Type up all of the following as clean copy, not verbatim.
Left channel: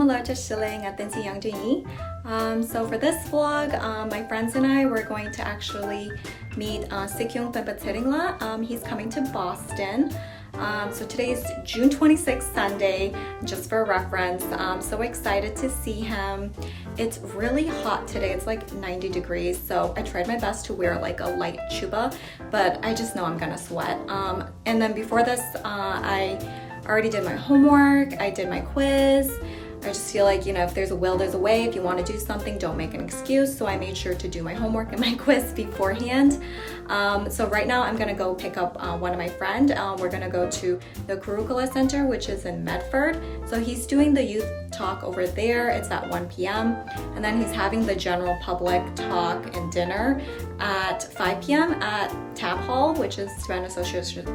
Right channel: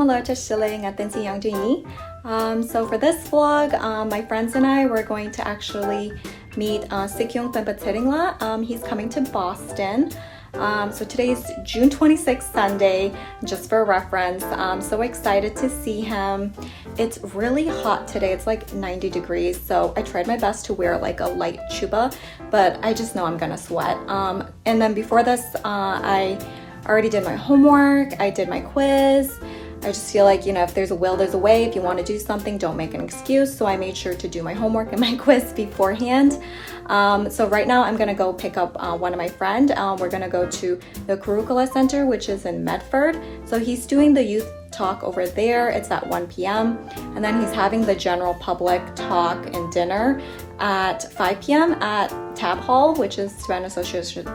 Kurukulla Center at Tenzin Yangdon and I. So for this vlog, my friends and I were going to actually meet Sikyong Penpa Tsering. He's coming to Boston. So today is June 26th, Sunday, just for reference. I'm so excited to see him. It's really hot today. It's like 90 degrees. So I tried my best to wear like a light chuba, but I just know I'm gonna sweat. And then before this, I already did my homework. I did my quiz. I just feel like, you know, if there's a will, there's a way. If you want to do something, don't make an excuse. So I made sure to do my homework and my quiz beforehand. So right now I'm going to go pick up one of my friends. We're going to go to the Kurukulla Center, which is in Medford. So he's doing the youth talk over there. It's at 1 p.m. And then he's having the general public talk and dinner at 5 p.m. at Tab Hall, which is Tibetan Association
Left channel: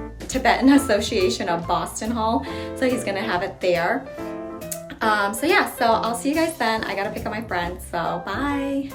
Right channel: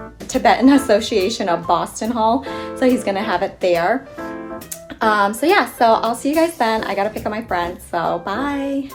of Boston Hall. So he's going to have it there. So yeah, so I'll see you guys then. I gotta pick up my friends, so bye.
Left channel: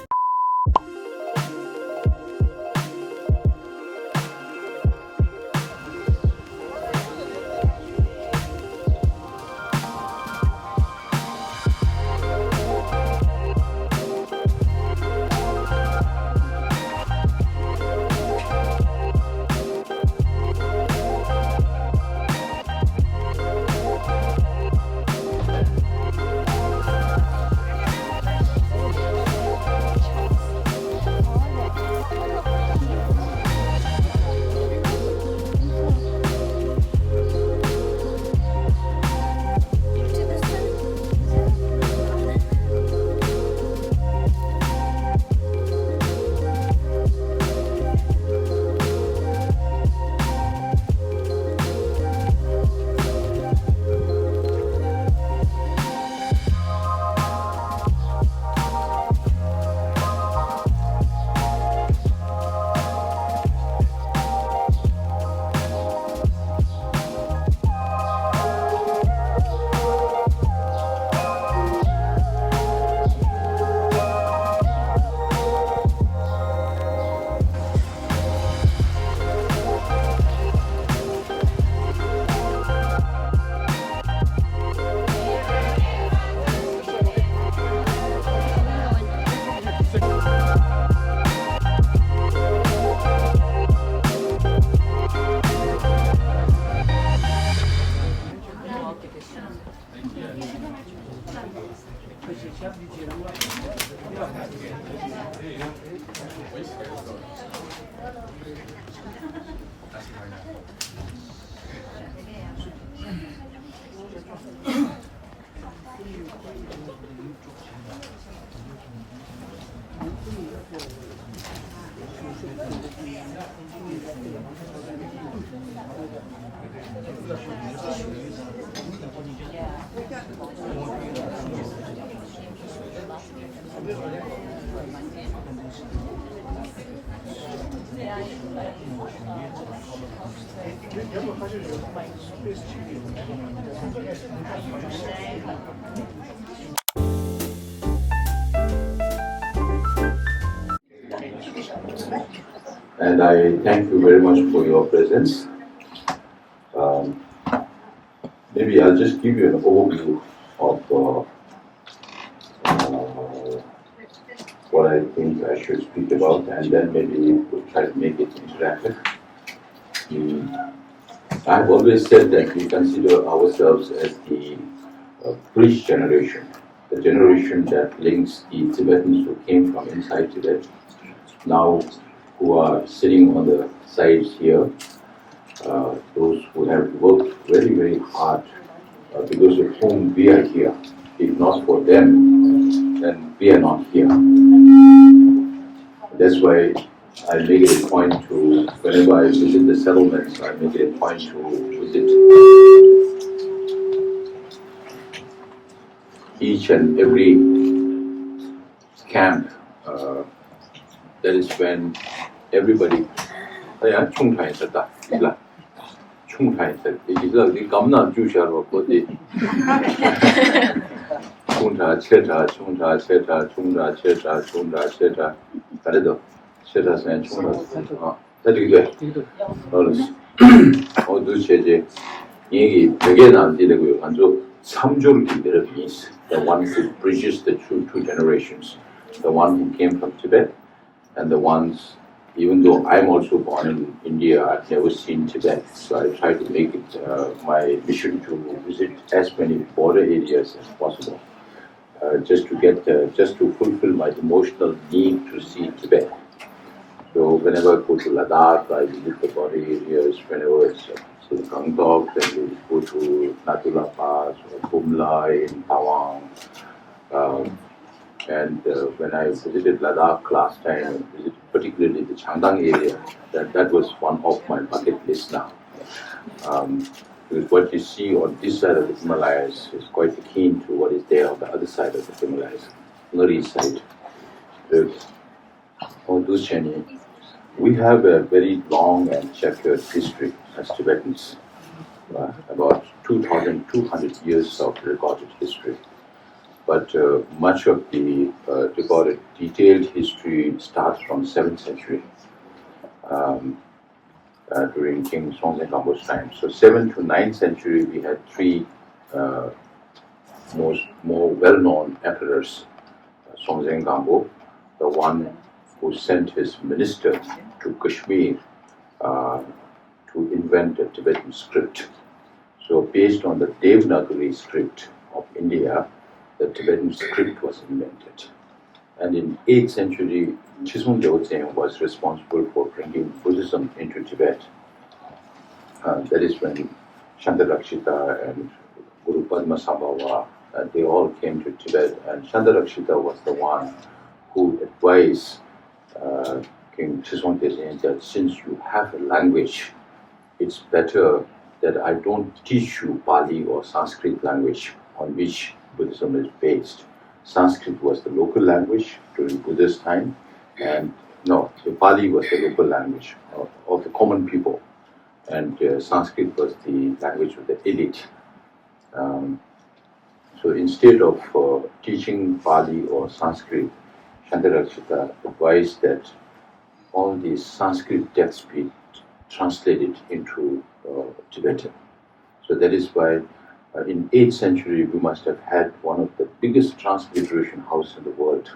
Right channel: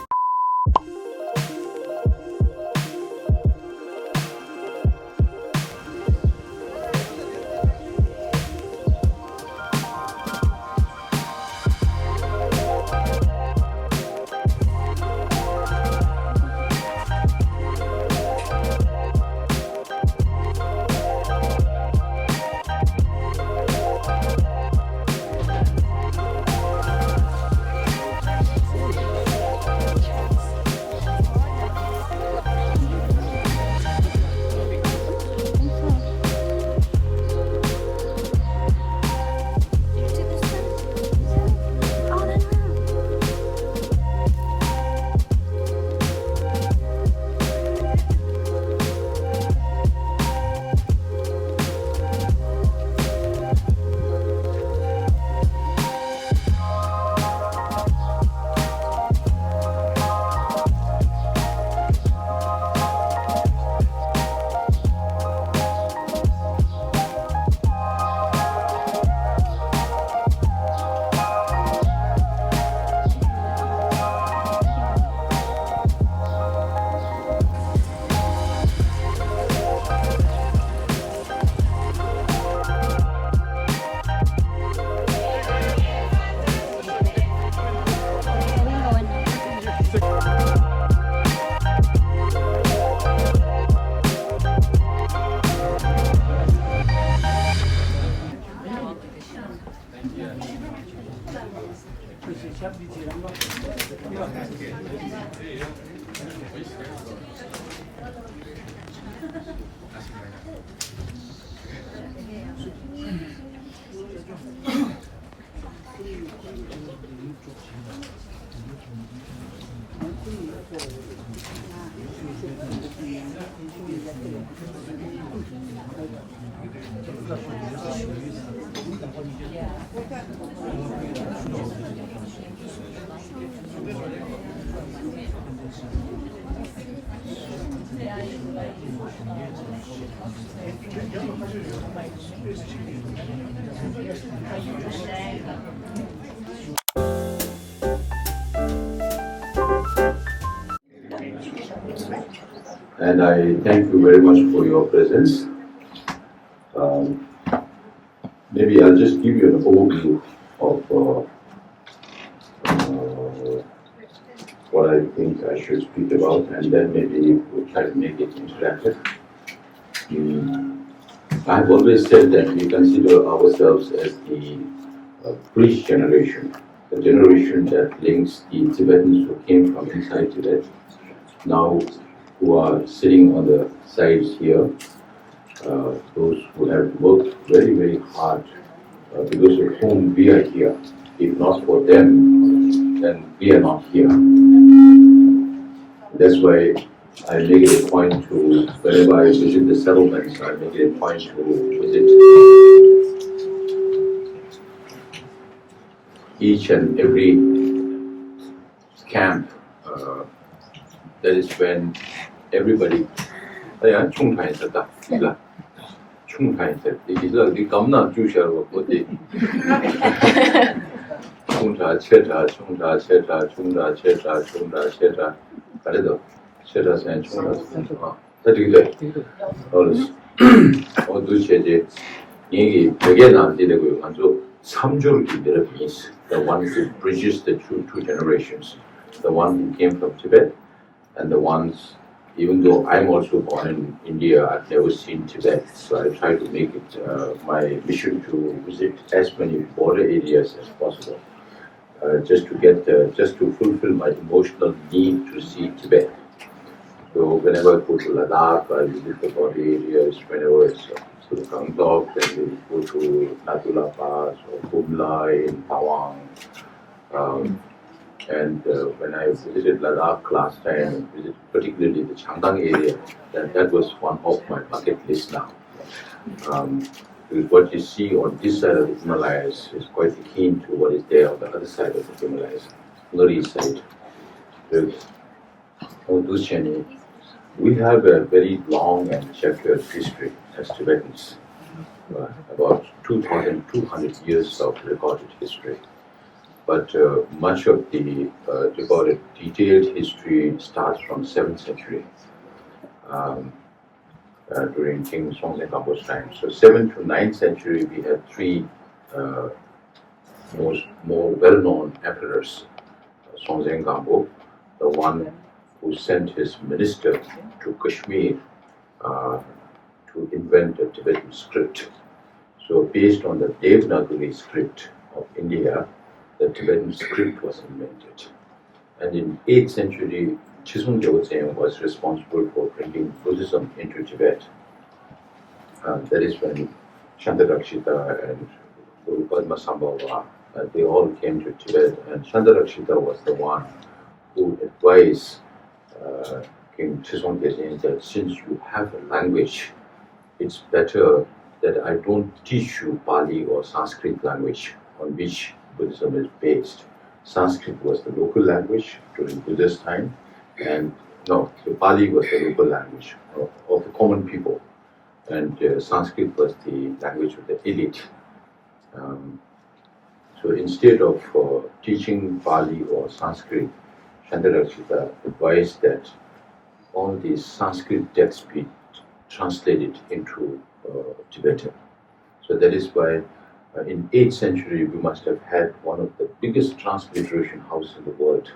And I thank you very much for your presence. Maybe I'll just give you an overview of what I think I should speak about, and then maybe we'll try to make it interactive. I've always said that we consider ourselves as the bridge generation, the generation that links the Tibetans who came from inside Tibet, now who are sitting on the sides here, those who have worked very, very hard, because of whom we are here. If not for them, then we are not here. That's why I make it a point to, whenever I visit the settlements, I make it a point to visit each and every camp. That is when everybody, 충타했었다. 충타했었다. 이게 겁나 주시하고 어디. 충타, 체타, 충타, 체타, 충타, 체타, 충타, 체타. 그래도 체타선 충타. 되게 어렸어. 어두 체제 얘기 되게 남기려고요. 완전 Samjurgi means the one who bridges the two generations, the one who came from Tibet, and the ones, even though I'm also born in India, I've never seen Tibet, so I try to make it my mission to visit as many border areas as possible, just to fulfill my emotional need to see Tibet. So whenever I go to Ladakh, I visit the border areas. Whenever it's to Gangtok, then we go to Natula Pass or Kumla in Tawang. And when I visited Ladakh last time, I visited particularly the Changdang area. That was one of my bucket list now. Because what you see on this side of the Himalayas is quite akin to what is there on the other side of the Himalayas, northeast side. We have a very long and checkered history as Tibetans, about 2,200 years of recorded history. But much of the recorded detailed history starts from 7th century, during King Songtsen Gampo's time. So 7th to 9th century, we had three more well-known emperors. Songtsen Gampo, the one who sent his minister to Kashmir to invent a Tibetan script. So based on the Devanagari script of India, the Tibetan script was invented. And in 8th century, Chisung Gyaltseng was responsible for bringing Buddhism into Tibet. That is when Shantarakshita and Guru Padmasambhava, they all came to Tibet, and Shantarakshita was the one who advised King Chisung Gyaltseng that since you have a language, it's better that I don't teach you Pali or Sanskrit language on which Buddhism is based. Sanskrit was the local language during Buddha's time, and the Pali was the local language of the common people, and Sanskrit was the language of the elite. So instead of teaching Pali or Sanskrit, Shantarakshita advised that all these Sanskrit texts be translated into Tibetan. So that is why in 8th century we must have had one of the biggest transliteration houses in the world,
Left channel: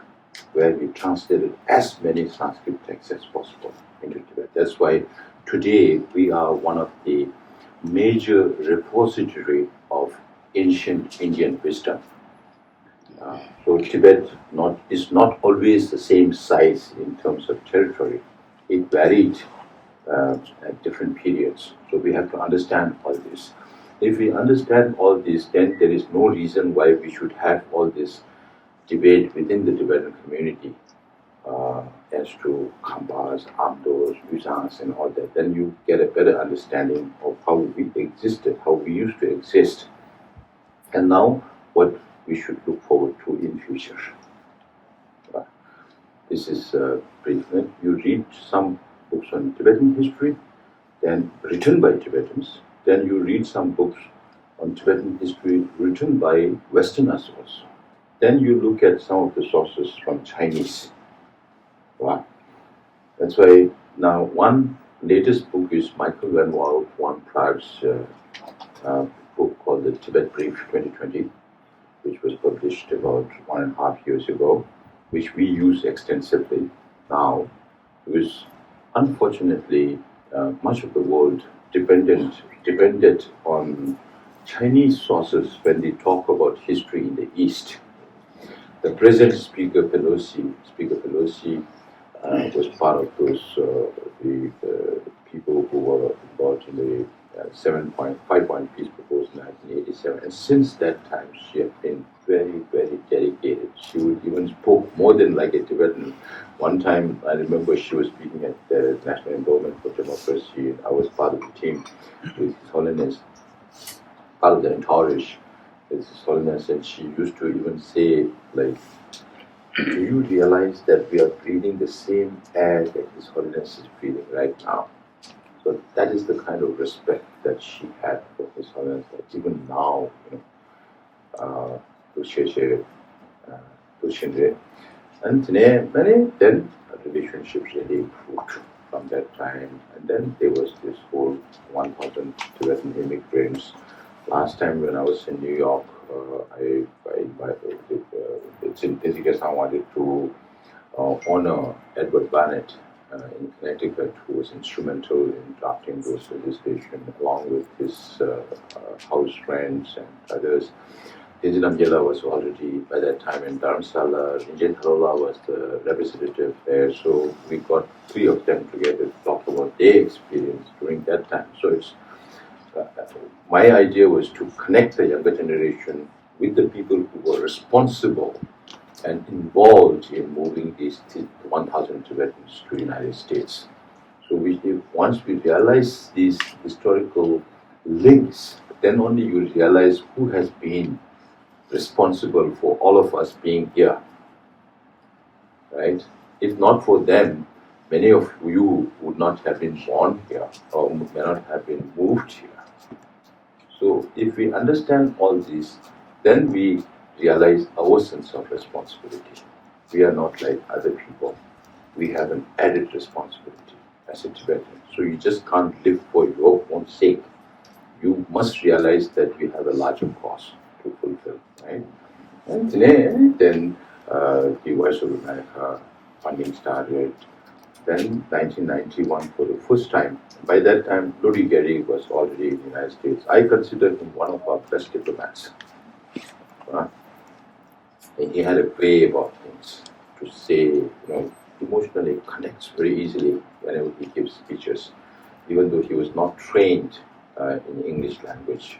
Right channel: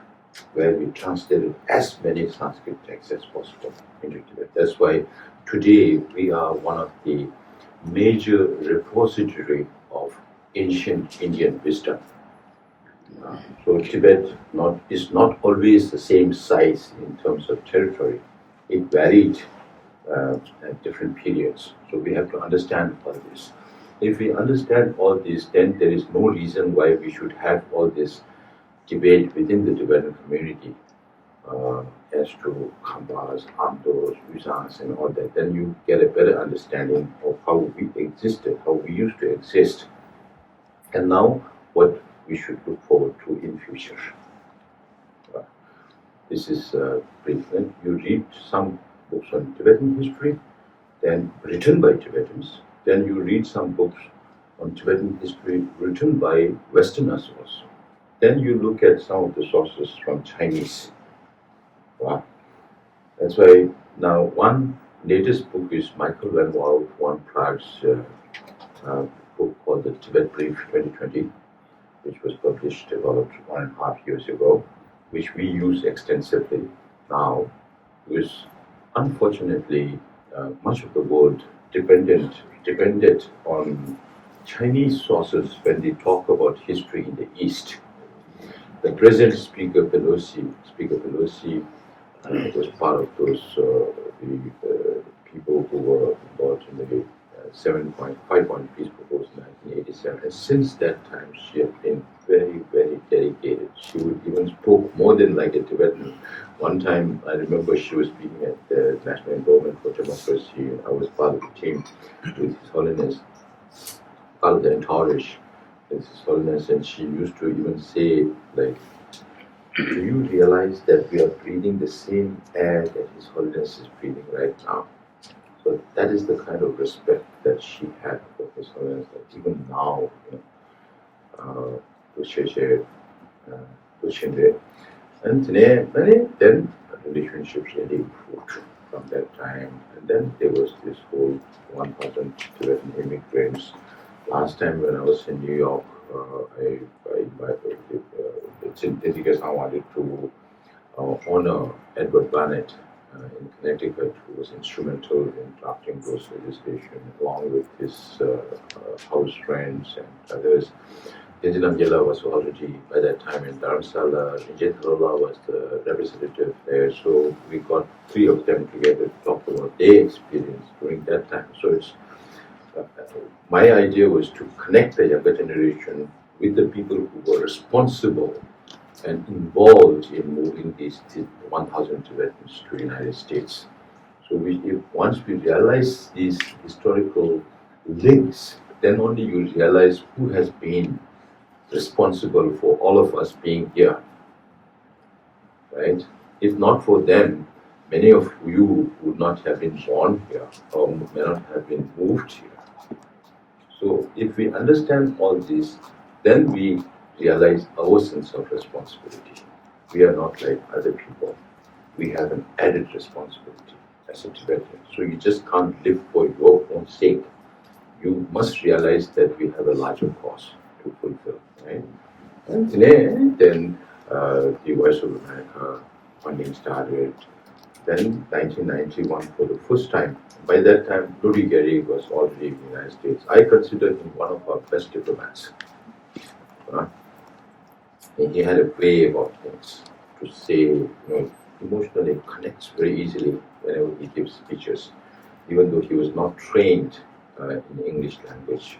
where we translated as many Sanskrit texts as possible into Tibet. That's why today we are one of the major repository of ancient Indian wisdom. So Tibet is not always the same size in terms of territory. It varied at different periods. So we have to understand all this. If we understand all this, then there is no reason why we should have all this debate within the Tibetan community as to Khampas, Amdos, Yuzhangs, and all that. Then you get a better understanding of how we existed, how we used to exist, and now what we should look forward to in future. This is brief. You read some books on Tibetan history, then written by Tibetans. Then you read some books on Tibetan history written by Westerners also. Then you look at some of the sources from Chinese. Wow. That's why now one latest book is Michael Van Walt von Praag's book called the Tibet Brief 2020, which was published about 1.5 years ago, which we use extensively now, because unfortunately much of the world depended on Chinese sources when they talk about history in the East. The present Speaker Pelosi was part of those people who were involved in the 5-point peace proposal in 1987. And since that time, she has been very, very dedicated. She would even spoke more than like a Tibetan. One time, I remember she was speaking at the National Endowment for Democracy. I was part of the team with His Holiness, part of the entourage with His Holiness, and she used to even say, like, do you realize that we are breathing the same air that His Holiness is breathing right now? So that is the kind of respect that she had for His Holiness, that even now, and then relationships really improved from that time. And then there was this whole 1,000 Tibetan immigrants. Last time when I was in New York, I invited Tenzin wanted to honor Edward Barnett in Connecticut, who was instrumental in drafting those legislation, along with his house friends and others. Tenzin Yangdon was already by that time in Dharamsala. Rinjay Tharola was the representative there, so we got three of them together to talk about their experience during that time. So it's my idea was to connect the younger generation with the people who were responsible and involved in moving these 1,000 Tibetans to the United States. So once we realize these historical links, then only you realize who has been responsible for all of us being here, right? If not for them, many of you would not have been born here or may not have been moved here. So if we understand all this, then we realize our sense of responsibility. We are not like other people. We have an added responsibility as a Tibetan. So you just can't live for your own sake. You must realize that we have a larger cause to fulfill, right? And then the Voice of America funding started. Then 1991 for the first time. By that time, Rudy Gary was already in the United States. I consider him one of our best diplomats. And he had a way about things to say, emotionally connects very easily whenever he gives speeches, even though he was not trained in English language.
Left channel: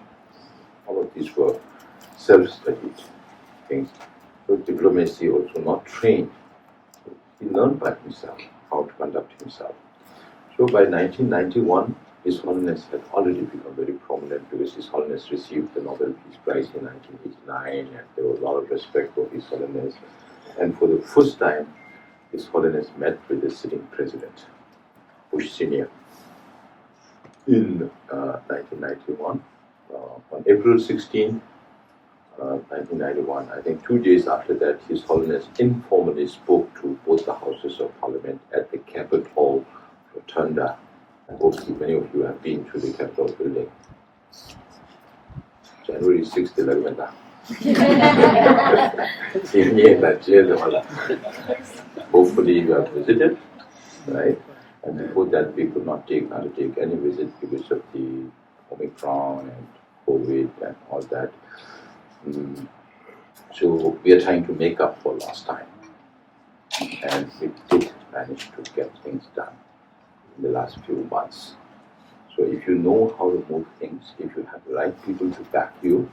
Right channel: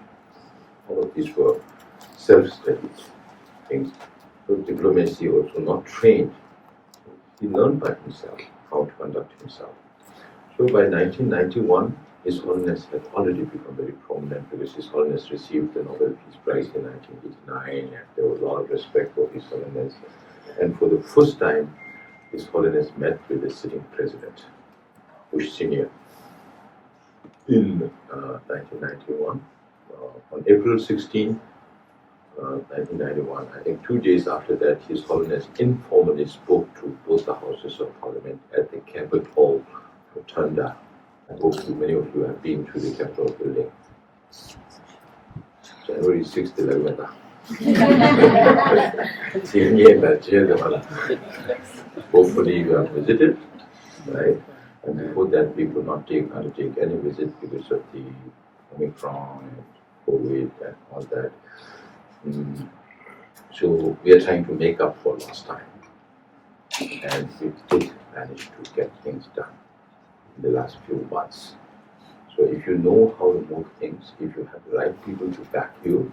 All of these were self-studied things. So diplomacy also not trained. He learned by himself how to conduct himself. So by 1991, His Holiness had already become very prominent because His Holiness received the Nobel Peace Prize in 1989, and there was a lot of respect for His Holiness. And for the first time, His Holiness met with the sitting president, Bush Sr., in 1991. On April 16, 1991, I think 2 days after that, His Holiness informally spoke to both the Houses of Parliament at the Capitol Rotunda. I hope many of you have been to the Capitol building. January 6th, 11th. Hopefully you have visited, right? And before that, we could not undertake any visit because of the Omicron and COVID and all that. So we are trying to make up for lost time. And we did manage to get things done in the last few months. So if you know how to move things, if you have the right people to back you,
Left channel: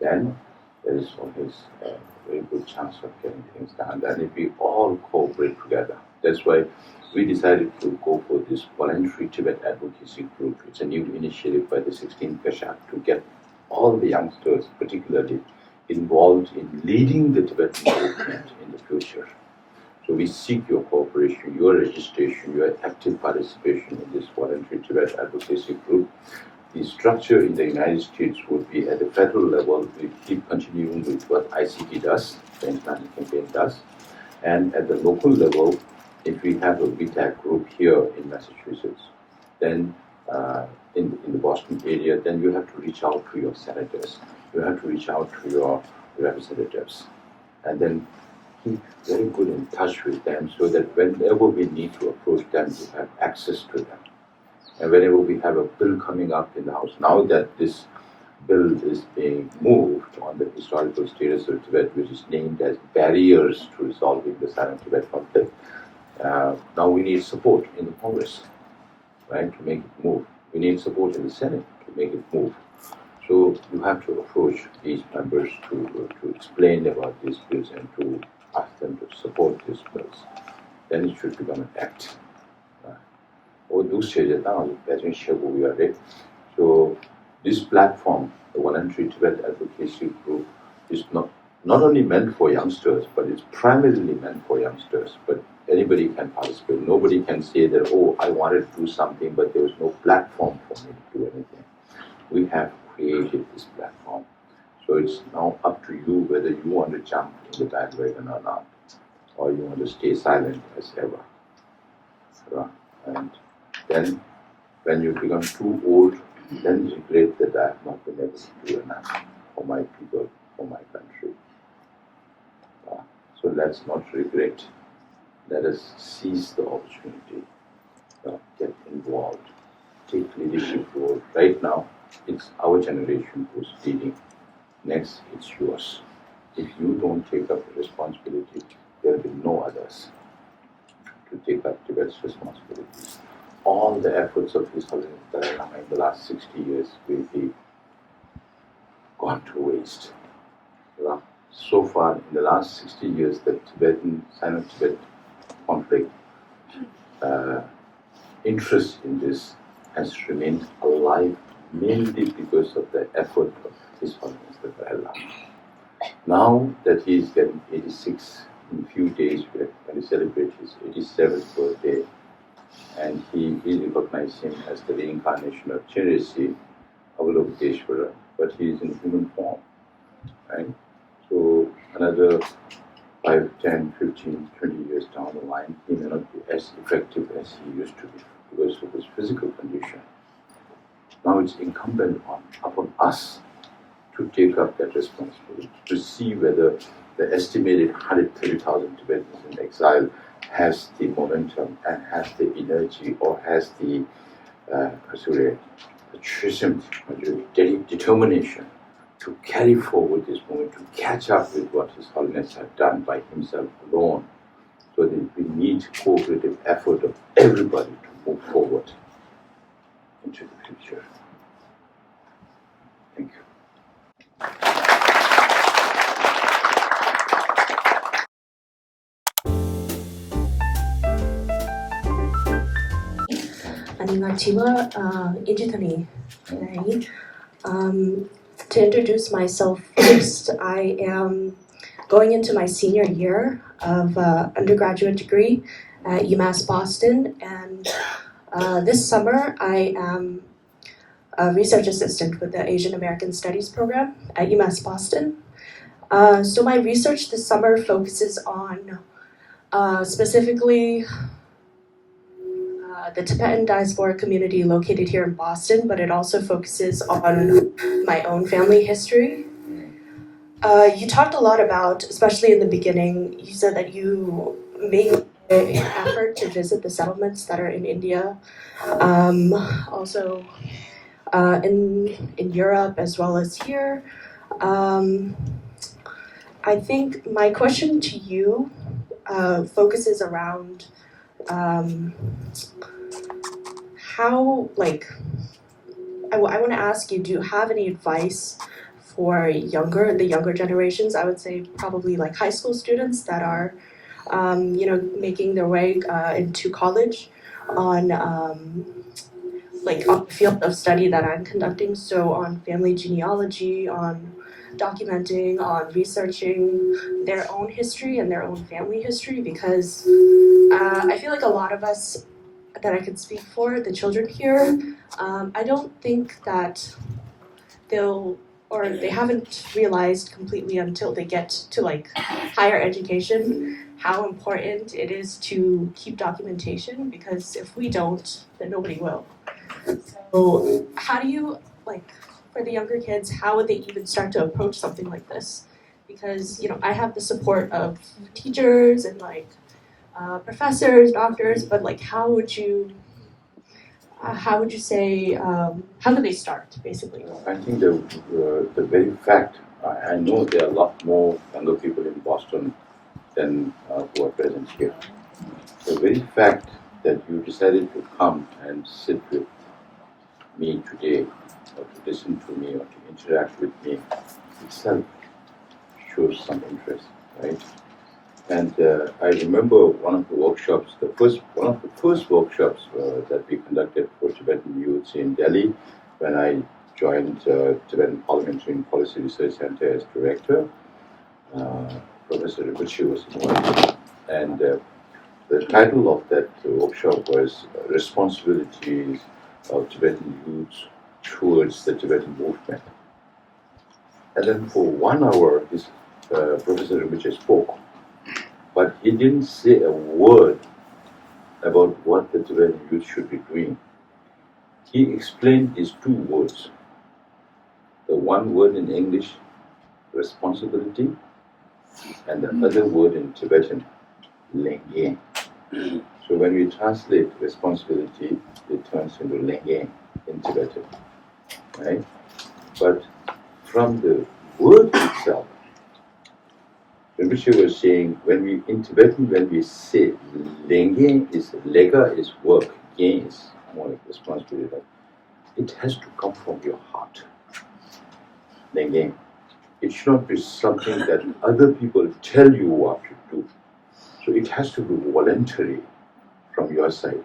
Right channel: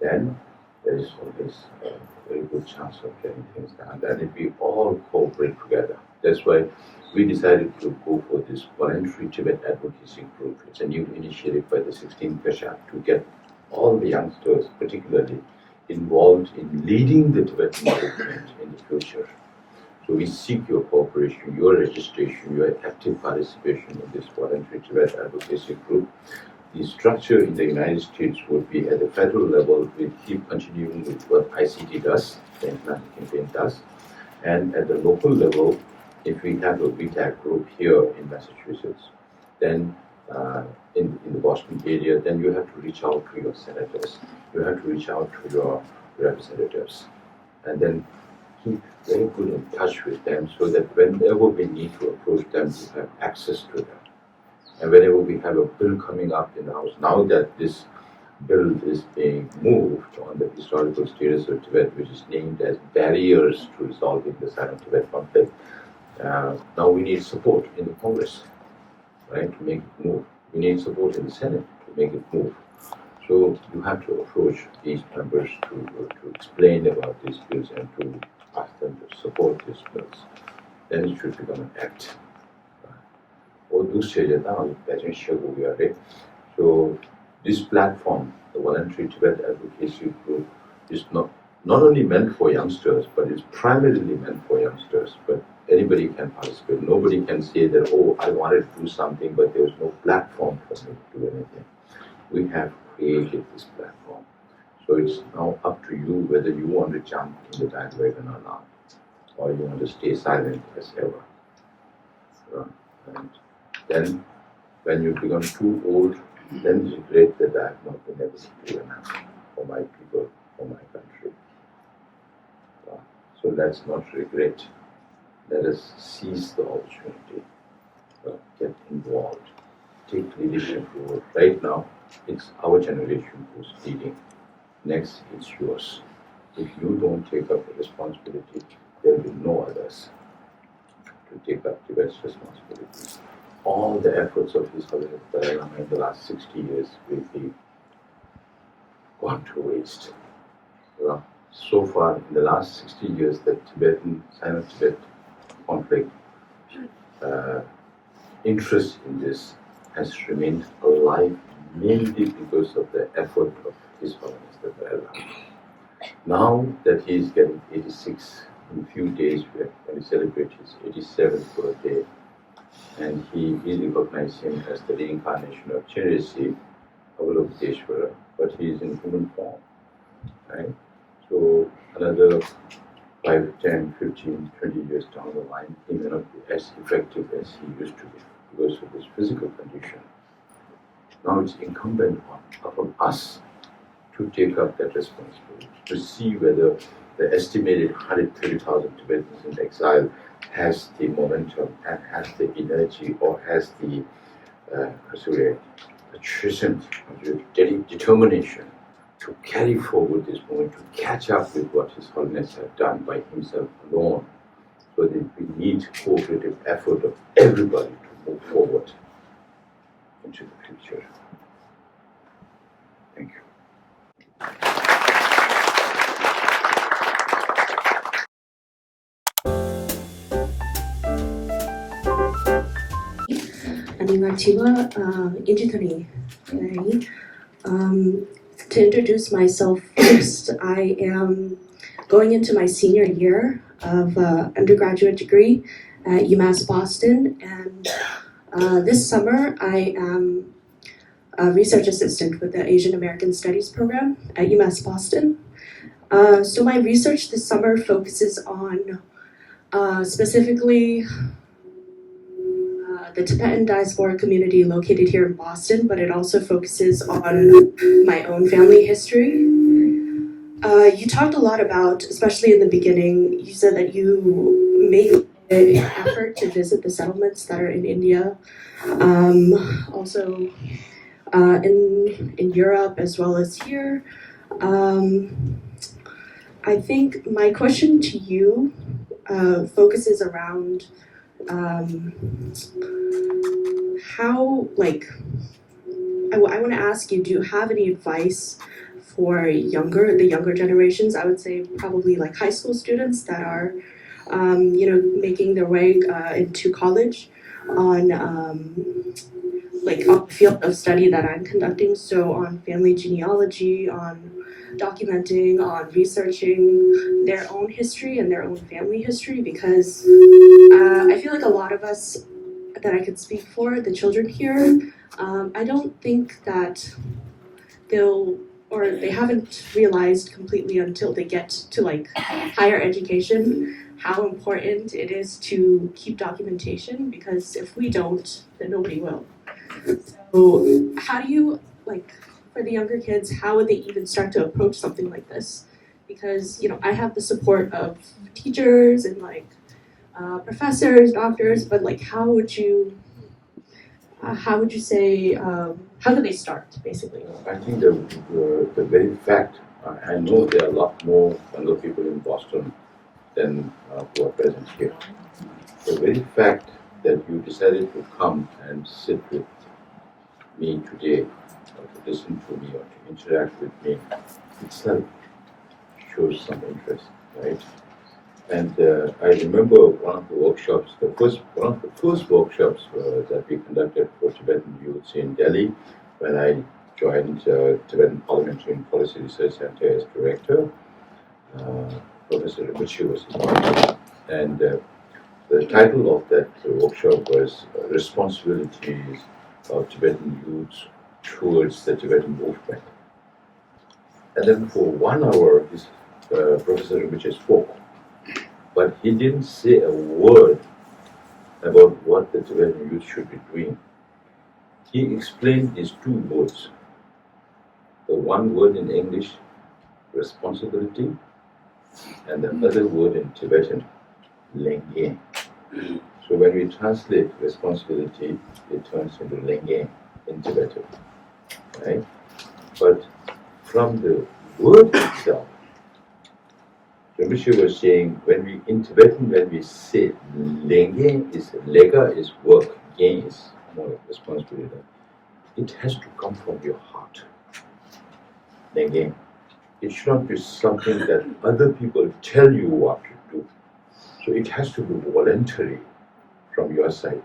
then there is always a very good chance of getting things done. And if we all cooperate together, that's why we decided to go for this voluntary Tibet advocacy group. It's a new initiative by the 16th Pesha to get all the youngsters, particularly, involved in leading the Tibetan movement in the future. So we seek your cooperation, your registration, your active participation in this voluntary Tibet advocacy group. The structure in the United States would be at the federal level. We keep continuing with what ICT does, the International Campaign does. And at the local level, if we have a VTAG group here in Massachusetts, then in the Boston area, then you have to reach out to your senators. You have to reach out to your representatives. And then keep very good in touch with them so that whenever we need to approach them, we have access to them. And whenever we have a bill coming up in the House, now that this bill is being moved on the historical status of Tibet, which is named as Barriers to Resolving the Silent Tibet Conflict, now we need support in the Congress, right, to make it move. We need support in the Senate to make it move. So you have to approach these members to explain about these bills and to ask them to support these bills. Then it should become an act. So this platform, the Voluntary Tibet Advocacy Group, is not only meant for youngsters, but it's primarily meant for youngsters. But anybody can participate. Nobody can say that, oh, I wanted to do something, but there was no platform for me to do anything. We have created this platform. So it's now up to you whether you want to jump in the bandwagon or not, or you want to stay silent as ever. And then when you become too old, then you regret that I have not been able to do enough for my people. for my country. So let's not regret. Let us seize the opportunity. Get involved. Take leadership role. Right now, it's our generation who's leading. Next, it's yours. If you don't take up the responsibility, there will be no others to take up Tibet's responsibilities. All the efforts of His Holiness Dalai Lama in the last 60 years will be gone to waste. So far, in the last 60 years, the Sino-Tibet conflict interest in this has remained alive mainly because of the effort of His Holiness the Dalai Lama. Now that he is getting 86 in a few days, we're going to celebrate his 87th birthday, and we recognize him as the reincarnation of Chenrezig, Avalokiteshvara, but he is in human form, right? So another 5, 10, 15, 20 years down the line, he may not be as effective as he used to be because of his physical condition. Now it's incumbent upon us to take up that responsibility, to see whether the estimated 130,000 Tibetans in exile has the momentum and has the energy or has the determination to carry forward this movement, to catch up with what His Holiness had done by himself alone. So that we need cooperative effort of everybody to move forward into the future. Thank you. 안녕하세요. 인지터니. To introduce myself first, I am going into my senior year of undergraduate degree at UMass Boston, and this summer I am a research assistant with the Asian American Studies program at UMass Boston. So my research this summer focuses on specifically the Tibetan diaspora community located here in Boston, but it also focuses on my own family history. You talked a lot about, especially in the beginning, you said that you made an effort to visit the settlements that are in India, also in Europe as well as here. I think my question to you focuses around how, I want to ask you, do you have any advice for the younger generations? I would say probably like high school students that are, making their way into college on the field of study that I'm conducting. So on family genealogy, on documenting, on researching their own history and their own family history, because I feel like a lot of us that I could speak for, the children here, I don't think that they haven't realized completely until they get to higher education how important it is to keep documentation, because if we don't, then nobody will. So how do you, for the younger kids, how would they even start to approach something like this? Because, I have the support of teachers and professors, doctors, but how would you say, how do they start, basically? I think the very fact, I know there are a lot more younger people in Boston than who are present here. The very fact that you decided to come and sit with me today, or to listen to me, or to interact with me, itself shows some interest, right? And I remember one of the workshops, one of the first workshops that we conducted for Tibetan youths in Delhi, when I joined Tibetan Parliamentary and Policy Research Center as director. Professor Rinpoche was involved, and the title of that workshop was Responsibilities of Tibetan Youths Towards the Tibetan Movement. And then for 1 hour, Professor Rinpoche spoke, but he didn't say a word about what the Tibetan youth should be doing. He explained these 2 words. The one word in English responsibility, and the other word in Tibetan, lenge. So when we translate responsibility, it turns into lenge in Tibetan, right? But from the word itself, Rinpoche was saying, in Tibetan, when we say lenge is lega is work, gen is more responsibility, it has to come from your heart. Lenge. It should not be something that other people tell you what to do. So it has to be voluntary from your side.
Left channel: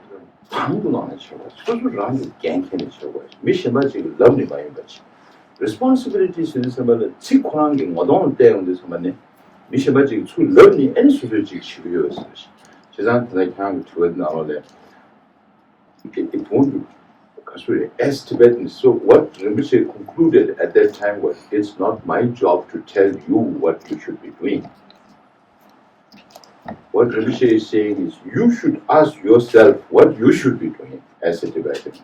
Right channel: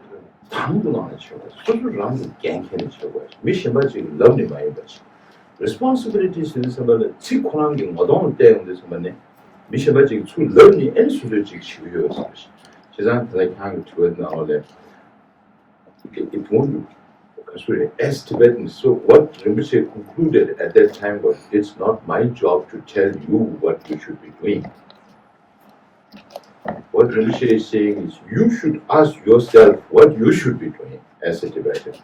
Responsibilities is about chikwang modon day this money. Mishabaji to learn any strategic curious. She's not like hang to it now that it won't be as Tibetans. So what Rinpoche concluded at that time was, it's not my job to tell you what you should be doing. What Rinpoche is saying is, you should ask yourself what you should be doing as a Tibetan.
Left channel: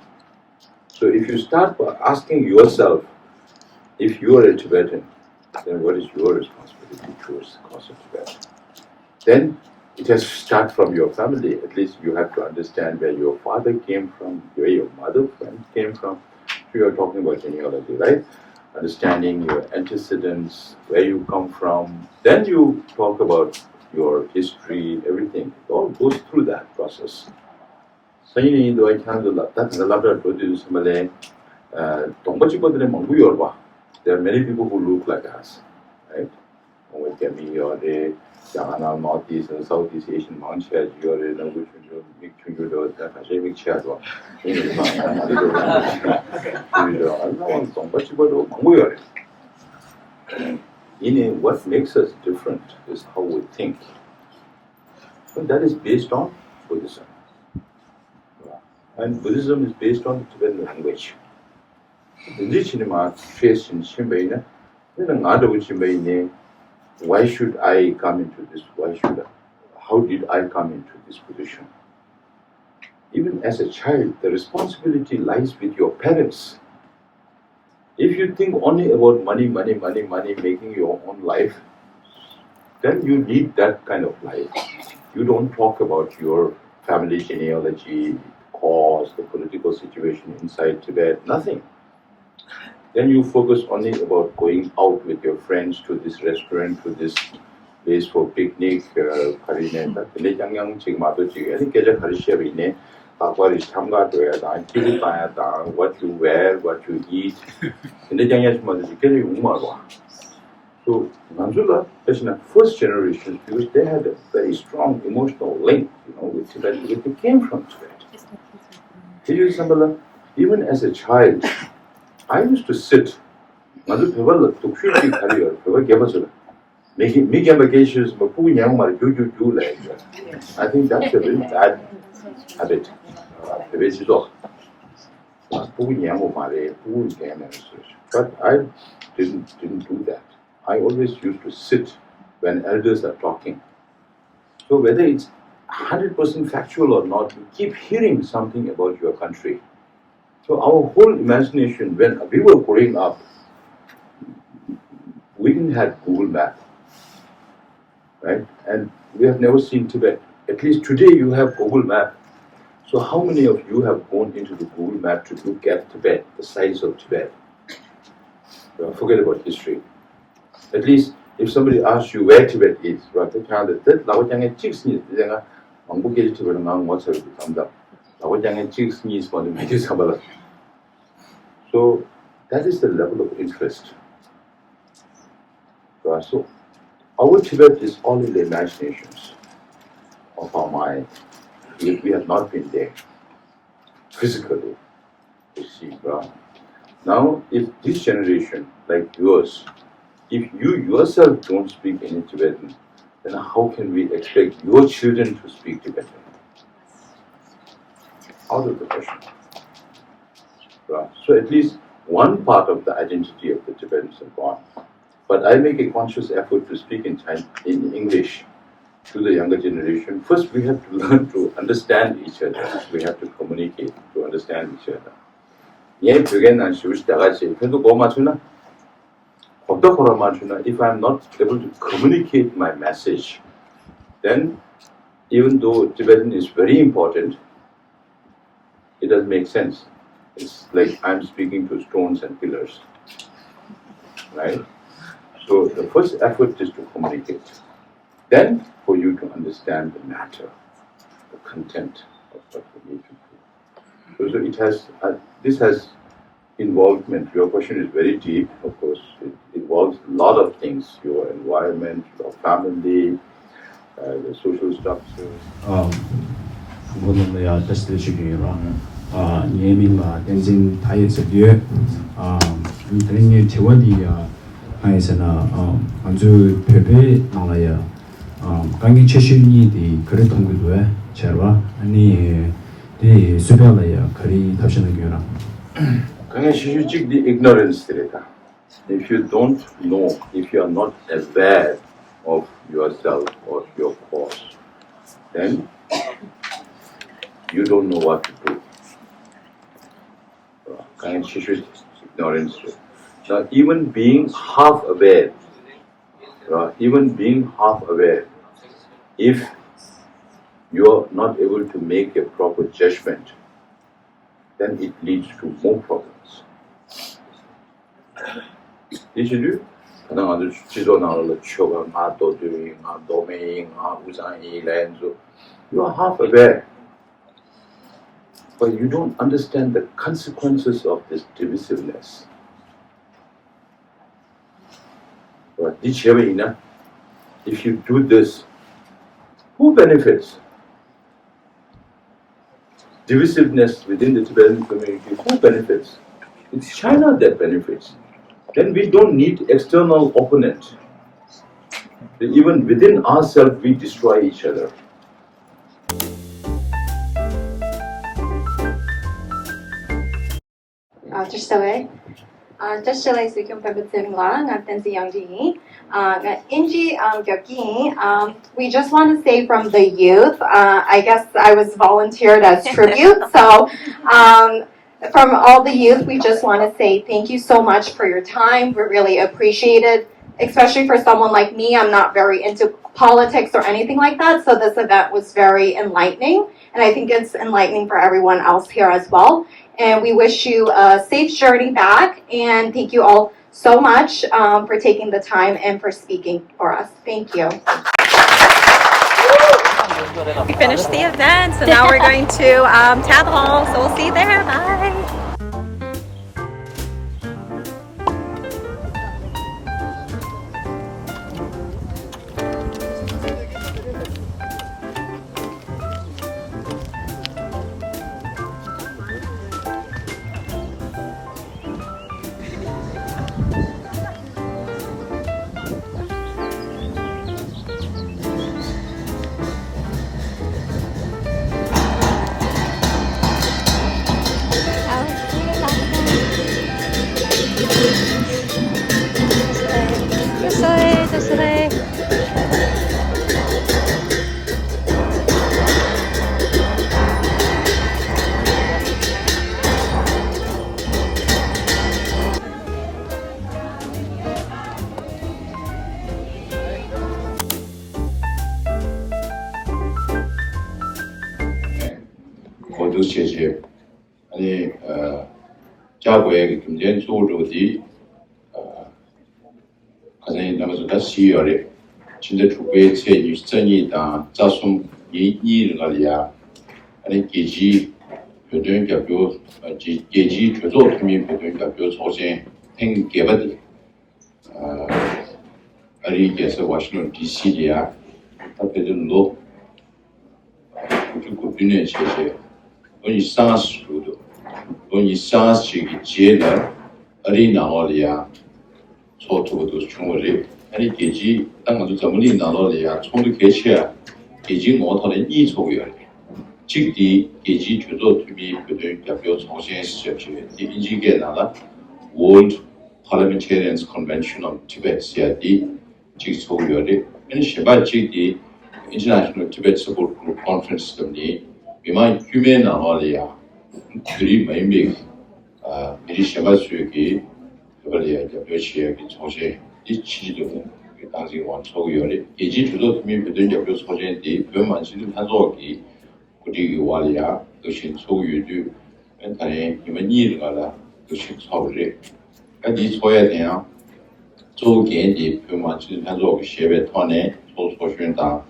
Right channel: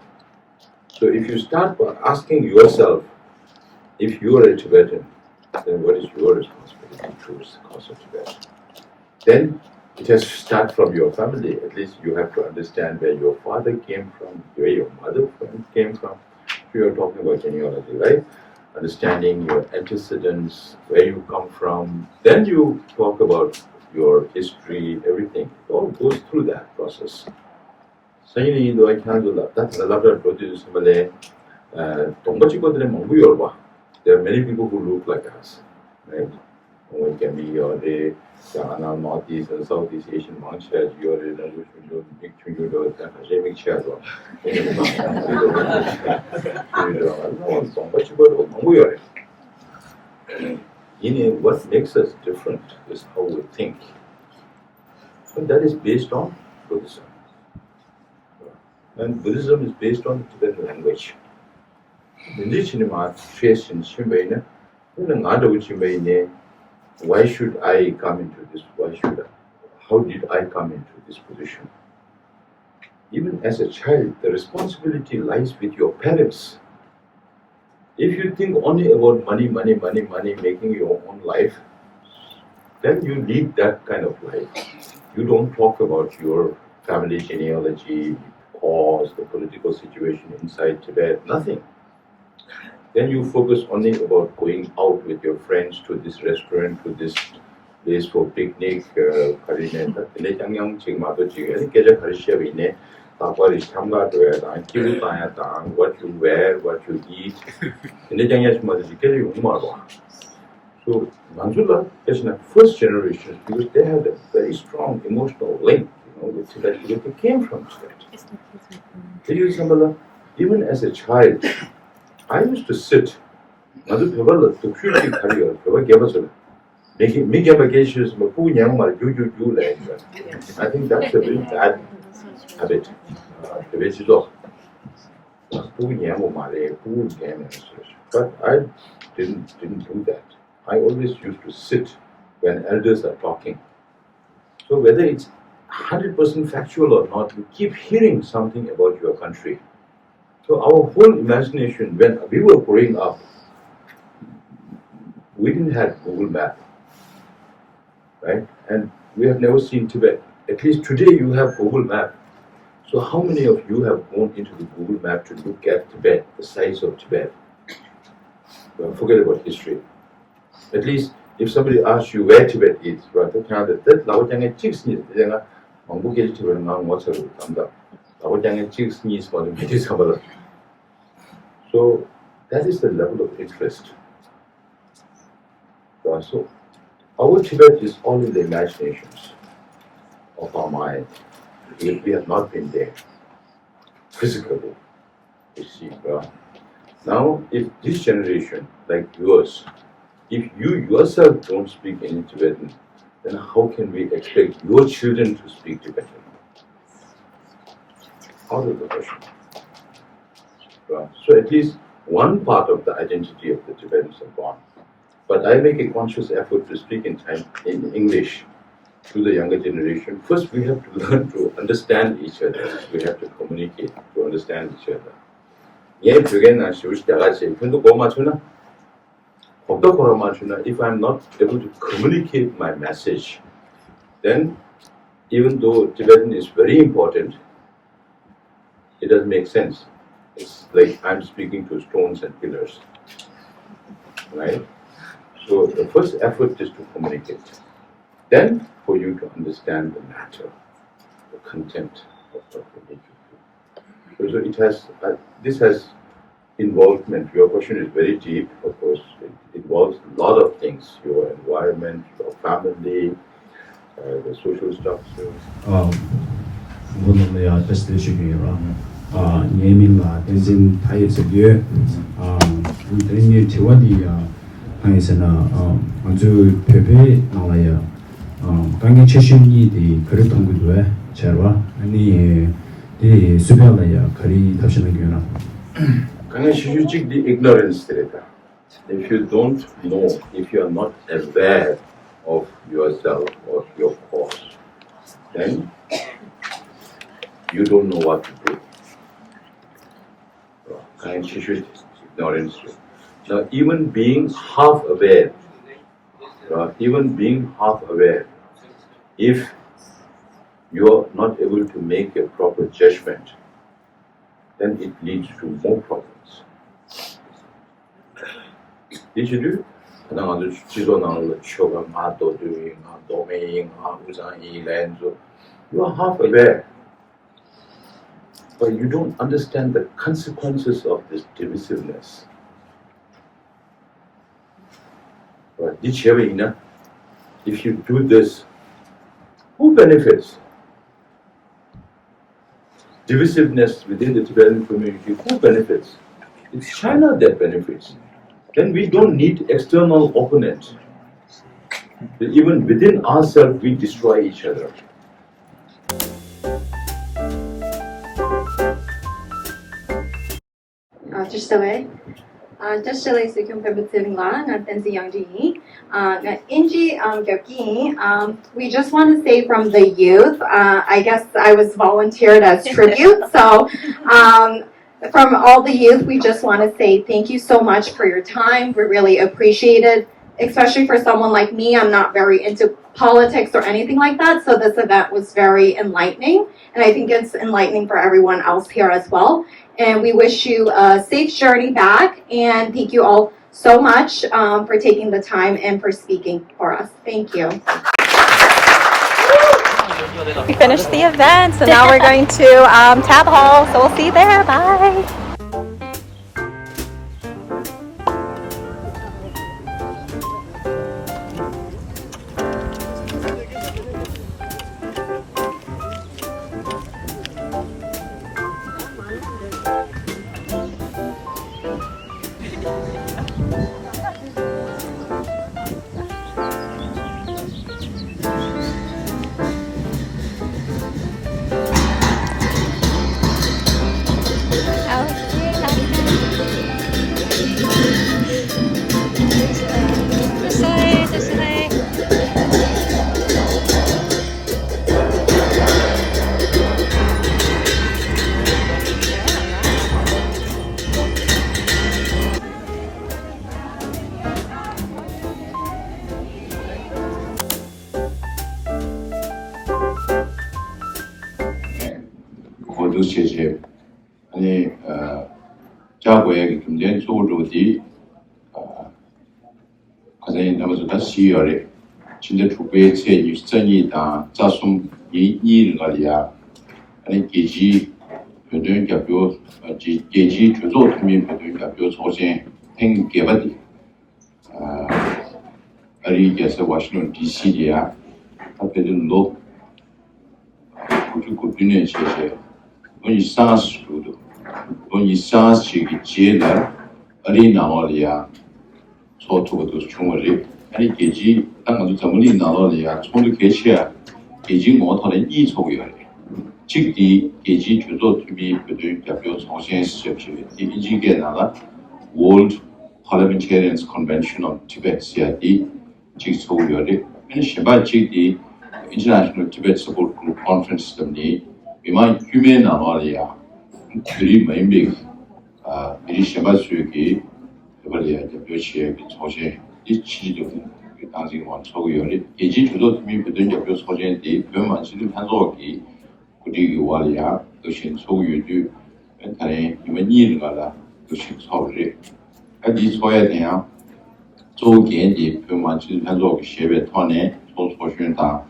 So if you start by asking yourself, if you are a Tibetan, then what is your responsibility towards the cause of Tibet? Then it has to start from your family. At least you have to understand where your father came from, where your mother came from. We are talking about genealogy, right? Understanding your antecedents, where you come from. Then you talk about your history, everything. It all goes through that process. So you know, I can't that's a lot of produce Malay. There are many people who look like us, right? When can be or they Northeast and Southeast Asian mountains, you're in a which you make you do it, make chair. What makes us different is how we think. And that is based on Buddhism. And Buddhism is based on the Tibetan language. Why should I come into this? How did I come into this position? Even as a child, the responsibility lies with your parents. If you think only about money, making your own life, then you lead that kind of life. You don't talk about your family genealogy, cause, the political situation inside Tibet, nothing. Then you focus only about going out with your friends to this restaurant, to this place for picnic, what you wear, what you eat. So Manjula is in the first generation because they had a very strong emotional link, with Tibet because they came from Tibet. Even as a child, I used to sit. I think that's a very bad habit. But I didn't do that. I always used to sit when elders are talking. So whether it's 100% factual or not, you keep hearing something about your country. So our whole imagination, when we were growing up, we didn't have Google Map, right? And we have never seen Tibet. At least today you have Google Map. So how many of you have gone into the Google Map to look at Tibet, the size of Tibet? Forget about history. At least if somebody asks you where Tibet is, right? So that is the level of interest. So our Tibet is all in the imaginations of our mind. We have not been there physically. You see, now if this generation, like yours, if you yourself don't speak any Tibetan, then how can we expect your children to speak Tibetan? Out of the question. So at least one part of the identity of the Tibetans are gone. But I make a conscious effort to speak in English to the younger generation. First, we have to learn to understand each other. We have to communicate to understand each other. if I'm not able to communicate my message, then even though Tibetan is very important, it doesn't make sense. It's like I'm speaking to stones and pillars, right? So the first effort is to communicate. Then for you to understand the matter, the content of what we need to do. So it has, this has involvement. Your question is very deep, of course. It involves a lot of things, your environment, your family, the social structures. 모든의 테스트 시기라는 예민과 덴진 타이스비에 이 대화디야 하에서는 아주 배배 나와요. 강의 최신이디 그런 동구도에 제가 아니 이 수변이야 그리 답변을 줘라. 강의 시주직 the ignorance 데이터. If you don't know, if you are not aware of yourself or your cause, then you don't know what to do. Ignorance. Now, even being half aware, if you are not able to make a proper judgment, then it leads to more problems. Did you do? You are half aware, but you don't understand the consequences of this divisiveness. If you do this, who benefits? Divisiveness within the Tibetan community, who benefits? It's China that benefits. Then we don't need external opponent. Even within ourselves, we destroy each other. Sikyong Penpa Tsering and Tenzin Yangdon and I. We just want to say from the youth, I guess I was volunteered as tribute, so from all the youth, we just want to say thank you so much for your time. We really appreciate it, especially for someone like me. I'm not very into politics or anything like that, so this event was very enlightening, and I think it's enlightening for everyone else here as well. And we wish you a safe journey back, and thank you all so much for taking the time and for speaking for us. Thank you. We finished the event, so now we're going to Tab Hall, so we'll see you there. Bye. 제재 아니 자고의 김전 소주디 가장 남아서다 시열에 진짜 주부의 제 유전이다 자숨 이일을 가리야 아니 계지 변동 갑요 계지 주조 투민 변동 갑요 소신 행 개발이 아리게서 워싱턴 DC야 답변은 로 그리고 분야의 제재 이 상스도 이 상스기 제나 어린아월이야 소토도 중월이 아니 계지 땅도 전문이 나월이야 총도 개체야 계지 모터는 이 소요야 즉디 계지 주도 투비 부들 대표 정신 시험시 이지게 나가 World Parliamentarians Convention on Tibet CID 즉 소요리 아니 시바 즉디 International Tibet Support Group Conference 금리 이만 휴메 나와리아 그리 매입 미리 시바 수역이 그걸이야 몇시에 조세 이 치료도 당시 원초요리 이지 주도 팀이 부든 접교 소진이 변만시도 한소기 그리고 와리아 도신 소유도 엔타네 이면 이르가라 도신 소리 이 소에 대한 조개의 변만시도 한소기 시베 토네 소소신다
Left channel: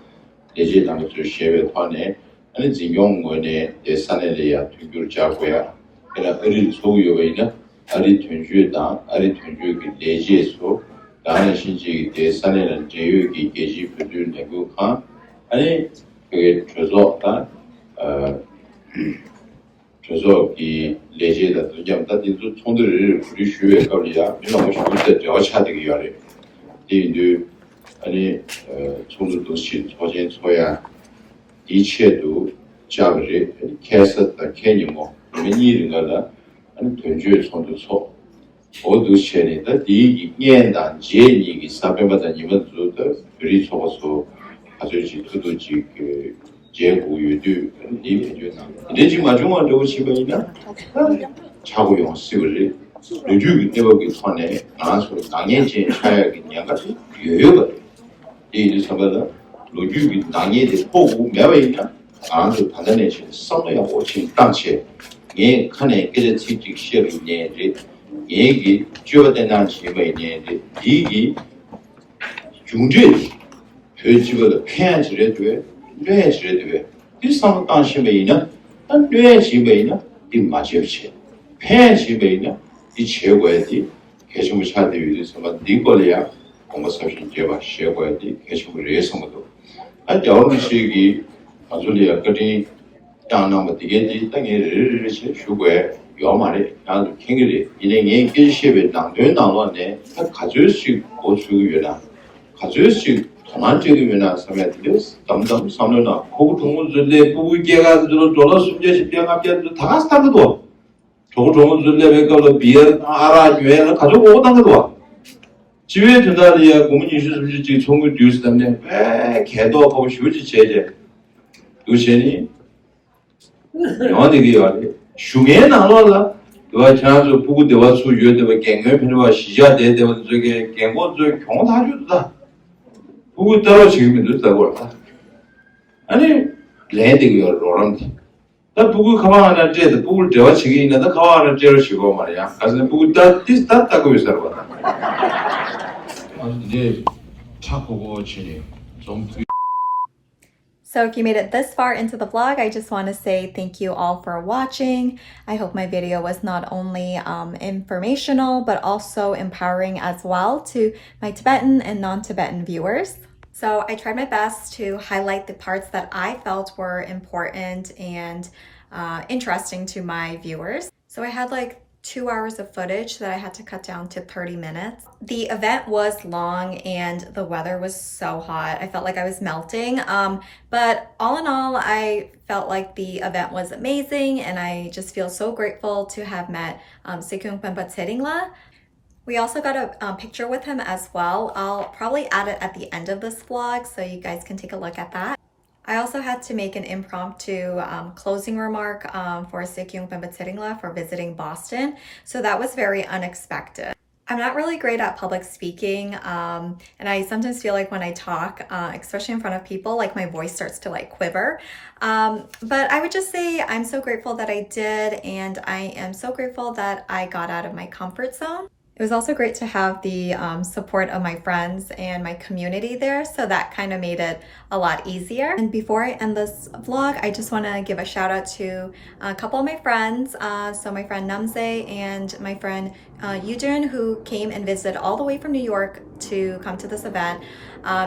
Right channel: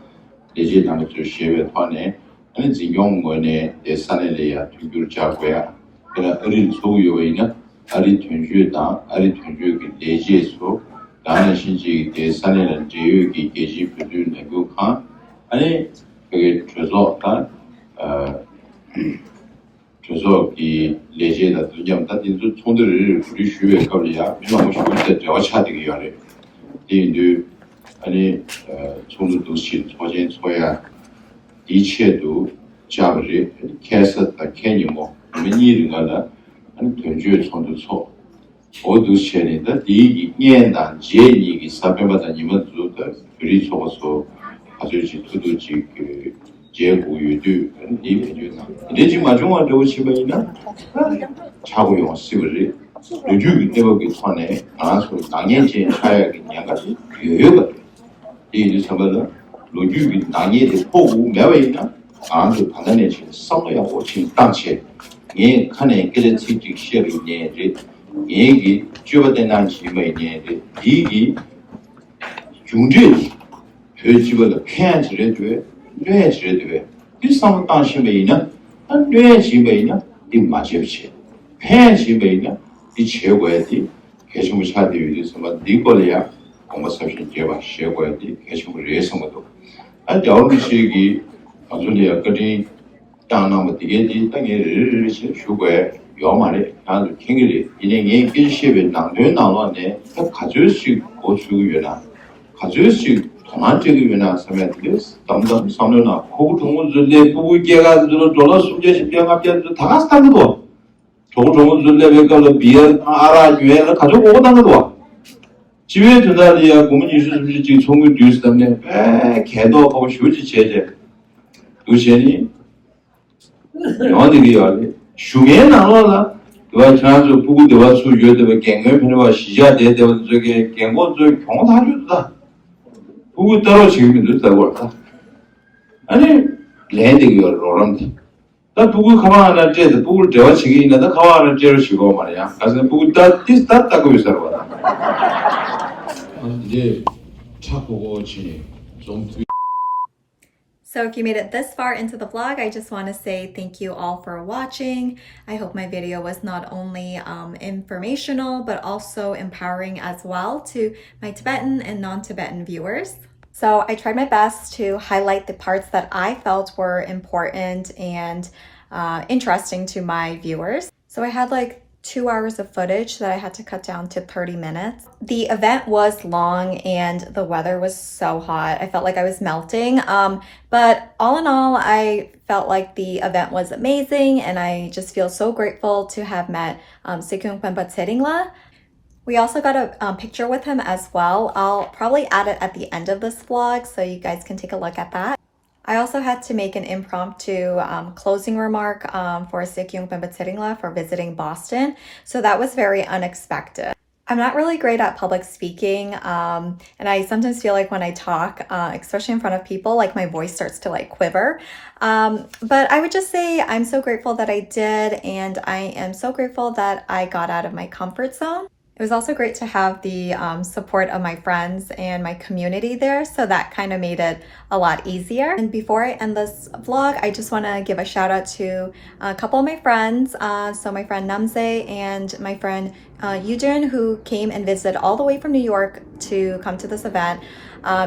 예제당의 시베 토네 아니 진용원의 예산에야 투규를 잡고야 그러나 어린 소유에는 아리 튼주다 아리 튼주기 내지에서 나는 신지 대산에는 제유기 계시 부준 내국한 아니 그게 저서다 저서 이 내지에다 두냐면 인도 총들을 우리 주에 걸이야 민망 싶을 때 저차되기 위하여 이들 아니 총들도 신 소진 소야 이切都 자버리 캐스다 캐니모 이런 아니 전주의 손도 어두시에다 이 년단 제니기 사배마다 님들도 우리 속어서 아주 지도지 그 제고유도 이 편주나 내지 마중은 저거 집에나 차고용 쓰거리 요즘 때문에 손에 아서 당연히 차야기 양가지 여유가 이 사람들 로규기 당연히 보고 매we이나 아주 단단히 성어야 오친 당체 예 칸에 그저 직직 시험이 내지 얘기 주어되는 지금의 내지 이기 중죄 회집을 편지를 돼 뇌지를 이 상황 당시에는 뇌지에는 이 맞이없이 편지에는 이 최고의 개심을 찾기 위해서 니콜이야 공부사실 제가 시험을 개심을 해서도 아주 어느 시기 아주리야 그리 땅나무 되게 땅에 휴고에 요만에 아주 캥기리 이행에 일시에 남들 나왔네 가질 수 있고 주의나 가질 수 동안적이나 섬에들 담담 섬으나 고구 동문들레 부부께가 들어 숨제시 병합견도 다 같이 타거든 저거 동문들레 배가로 비어 알아 유행을 가지고 오고 다거든 집에 드나리야 고문 이수습지 지금 총구 뉴스 때문에 왜 개도 하고 쉬우지 제제 의신이 영화들이 말이야. 흉에 나와라. 그와 지난주 부구 대화 수 유대와 갱을 편과 시자 대대와 저게 갱고 저 경호 다 주다. 부구 따로 지금도 있다고 할까? 아니 레드기가 로란디. 나 부구 가만 안 돼. 부구 대화 지기 있는데 가만 안 돼를 쉬고 말이야. 가서 부구 다 따고 있어라 봐. 이제 차 보고 지니 좀 So if you made it this far into the vlog, I just want to say thank you all for watching. I hope my video was not only informational, but also empowering as well to my Tibetan and non-Tibetan viewers. So I tried my best to highlight the parts that I felt were important and interesting to my viewers. So I had like 2 hours of footage that I had to cut down to 30 minutes. The event was long and the weather was so hot. I felt like I was melting. But all in all, I felt like the event was amazing and I just feel so grateful to have met Sikyong Penpa Tsering. We also got a picture with him as well. I'll probably add it at the end of this vlog so you guys can take a look at that. I also had to make an impromptu closing remark for Sikyong Penpa Tsering for visiting Boston. So that was very unexpected. I'm not really great at public speaking, and I sometimes feel like when I talk, especially in front of people, like my voice starts to like quiver. But I would just say I'm so grateful that I did, and I am so grateful that I got out of my comfort zone. It was also great to have the support of my friends and my community there, so that kind of made it a lot easier. And before I end this vlog, I just want to give a shout out to a couple of my friends. So my friend Namse and my friend Yujin, who came and visited all the way from New York to come to this event.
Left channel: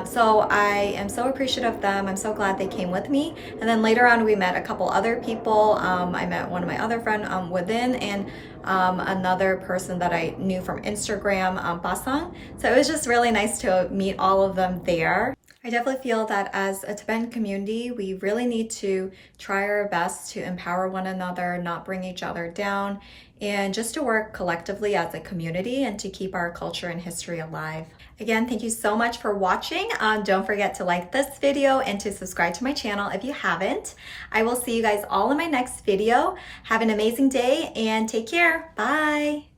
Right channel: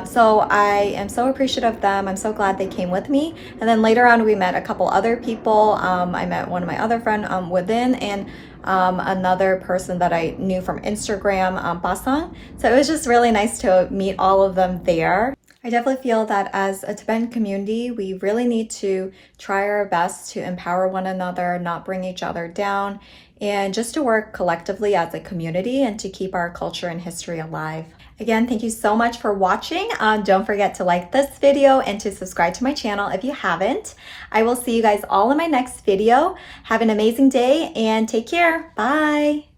So I am so appreciative of them. I'm so glad they came with me. And then later on, we met a couple other people. I met one of my other friends within and another person that I knew from Instagram, Basang. So it was just really nice to meet all of them there. I definitely feel that as a Tibetan community, we really need to try our best to empower one another, not bring each other down, and just to work collectively as a community and to keep our culture and history alive. Again, thank you so much for watching. Don't forget to like this video and to subscribe to my channel if you haven't. I will see you guys all in my next video. Have an amazing day and take care. Bye.